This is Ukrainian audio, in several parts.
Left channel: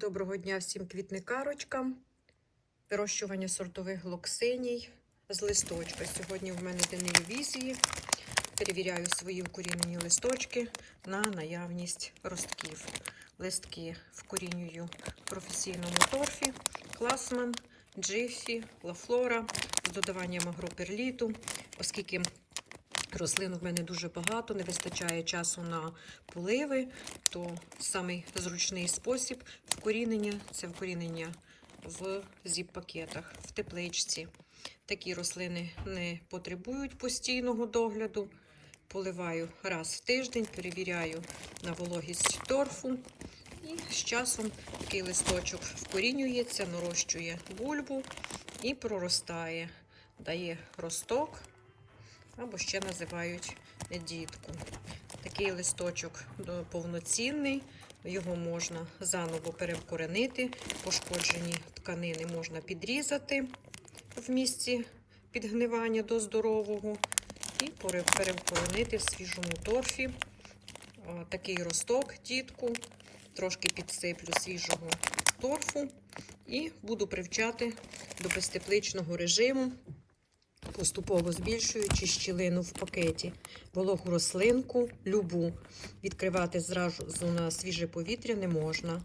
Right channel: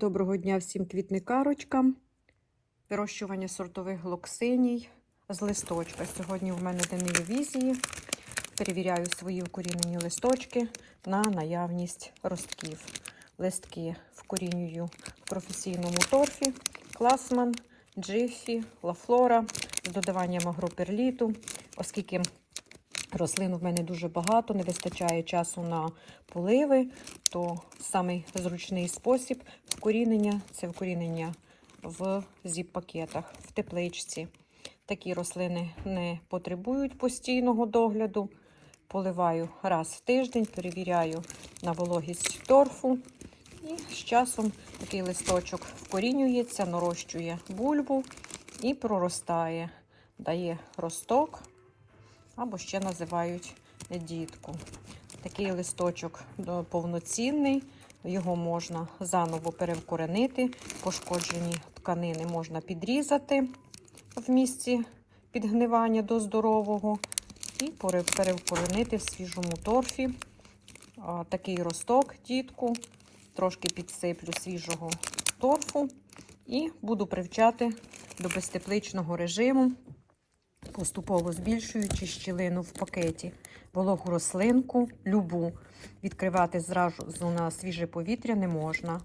Доброго дня всім квітникарочкам. Вирощування сортових глоксиній з листочка. Сьогодні в мене день ревізії. Перевіряю свої укорінені листочки на наявність ростків. Листки вкорінюю в професійному торфі, класман, джифі, лафлора з додаванням агроперліту, оскільки Рослин в мене дуже багато, не вистачає часу на поливи, то самий зручний спосіб вкорінення це вкорінення в зіп-пакетах, в тепличці. Такі рослини не потребують постійного догляду. Поливаю раз в тиждень, перевіряю на вологість торфу. І з часом такий листочок вкорінюється, нарощує бульбу і проростає, дає росток або ще називають дітку. Такий листочок повноцінний, його можна заново перевкоренити, пошкоджені тканини можна підрізати в місці підгнивання до здорового і пере- перевкоренити в свіжому торфі. Такий росток дітку, трошки підсиплю свіжого торфу і буду привчати до безтепличного режиму поступово збільшуючи щілину в пакеті. Вологу рослинку, любу, відкривати зразу на свіже повітря не можна.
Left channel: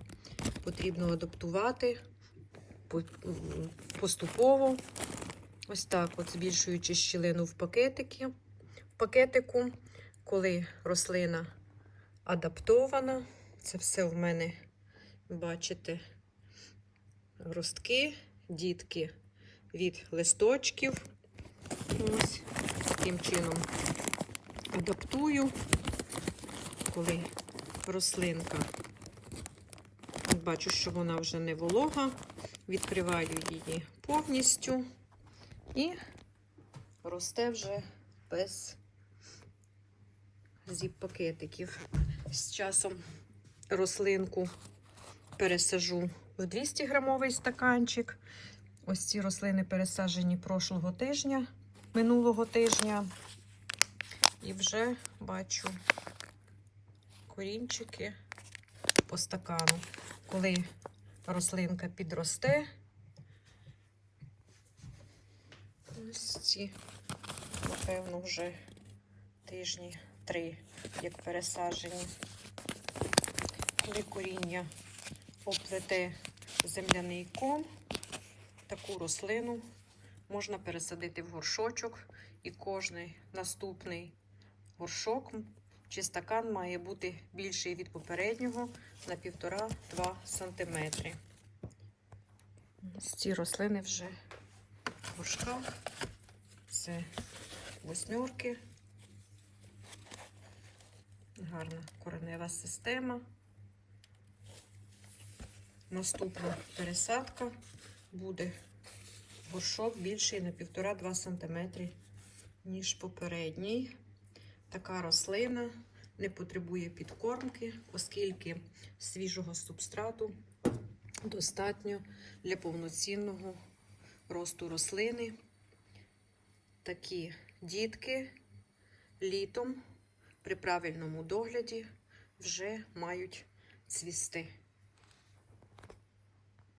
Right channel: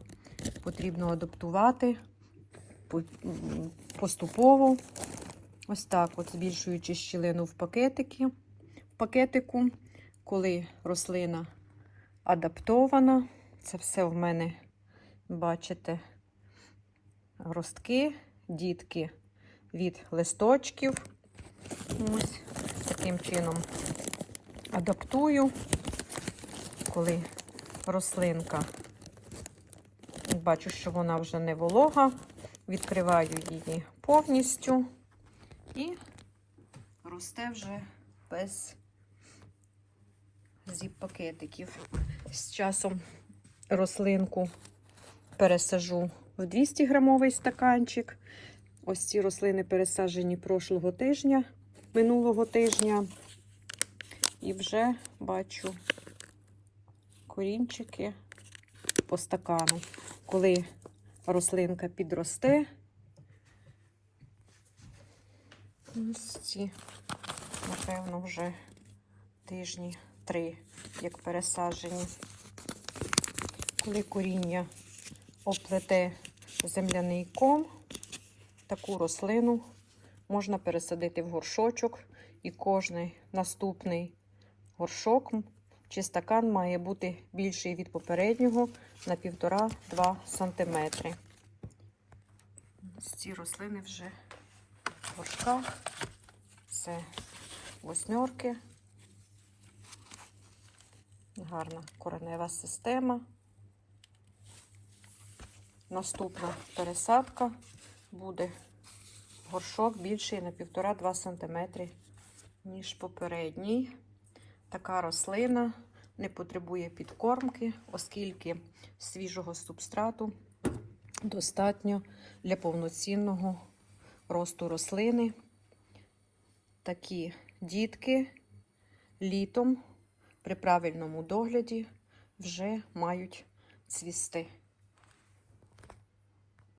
Потрібно адаптувати поступово. Ось так, от збільшуючи щілину в пакетики, в пакетику, коли рослина адаптована. Це все в мене, бачите, ростки, дітки від листочків. Ось таким чином адаптую, коли рослинка, бачу, що вона вже не волога, відкриваю її повністю і росте вже без зіп-пакетиків. З часом рослинку пересажу в 200 грамовий стаканчик. Ось ці рослини пересаджені прошлого тижня, минулого тижня. І вже бачу корінчики по стакану. Коли рослинка підросте, ось ці, напевно, вже тижні три, як пересаджені. Коли коріння оплете земляний ком, таку рослину можна пересадити в горшочок, і кожний наступний горшок чи стакан має бути більший від попереднього на 1,5-2 см. Ці рослини вже в горшках. Це восьмерки. Гарна коренева система. Наступна пересадка буде горшок більший на 1,5-2 см, ніж попередній. Така рослина не потребує підкормки, оскільки свіжого субстрату достатньо для повноцінного росту рослини. Такі дітки літом при правильному догляді вже мають цвісти.